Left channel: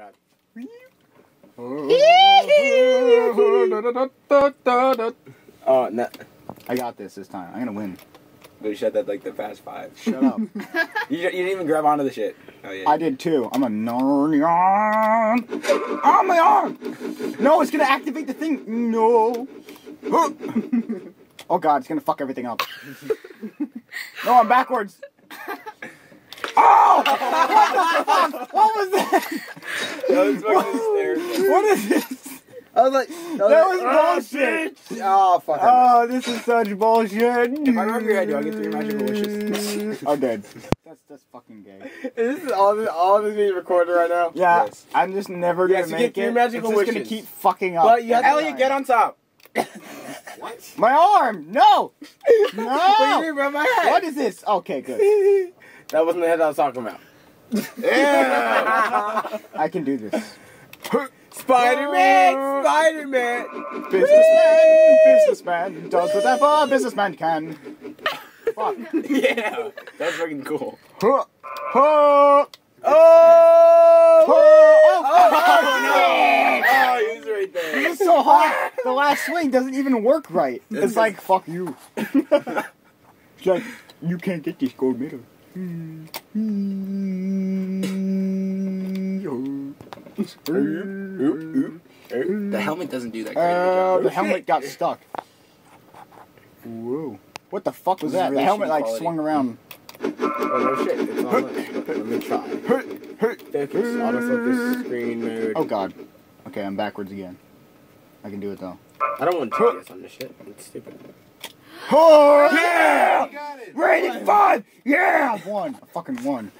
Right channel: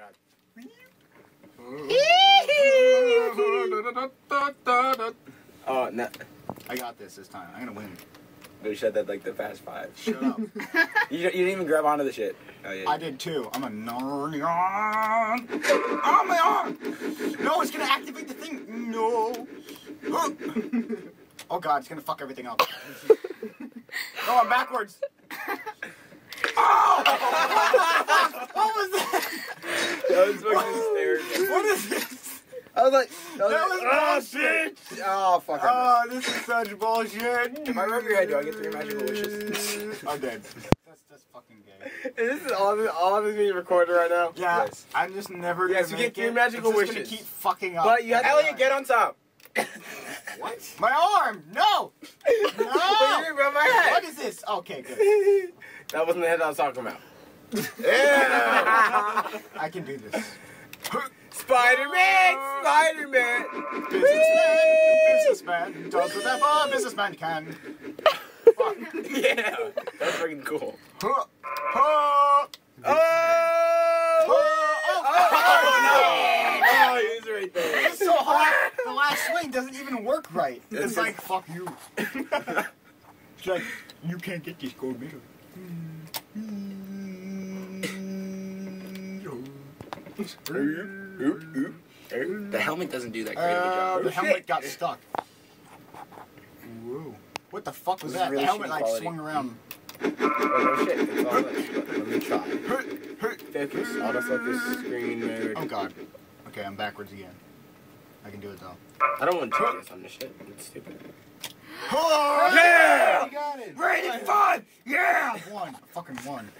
god. Oh, no. I got this time. I'm gonna win. You said that like the Fast Five. Shut up. You didn't even grab onto the shit. Oh, yeah. I did too. I'm a Narnian. On my arm! No, it's gonna activate the thing. No. Oh god, it's gonna fuck everything up. No, I'm backwards. Oh! What was that? That was fucking hysterical. What is this? I was like, That was bullshit. Oh, fuck. Oh, this is such bullshit. If I rub your head, do I get 3 magical wishes? I'm dead. That's fucking gay. Is this all this being recorded right now? Yeah, Yes. I'm just never gonna Yes, you make get 3 it. magical It's just wishes. gonna keep fucking up. But you have to Elliot, get on top. What? My arm! No! But you No! didn't rub my head. What is this? Okay, good. That wasn't the head I was talking about. Yeah. I can do this. Spider-Man! Spider-Man! Businessman does whatever a businessman can. Fuck. Yeah, that's fucking cool. Huh. Huh. Oh! Oh, he's right there. It's so hard. The last swing doesn't even work right. It's like, fuck you. It's like, you can't get this gold medal. The helmet doesn't do that great. The helmet got stuck. Whoa. What the fuck was This is that? really The helmet shitty like quality. swung around. Oh, no shit. It's all let me try. Focus. Almost let this screen mode. Oh god. Okay, I'm backwards again. I can do it though. I don't want to do this on this shit. It's stupid. Oh, Yeah! You got it! Rating 5! Yeah! I won. I fucking won.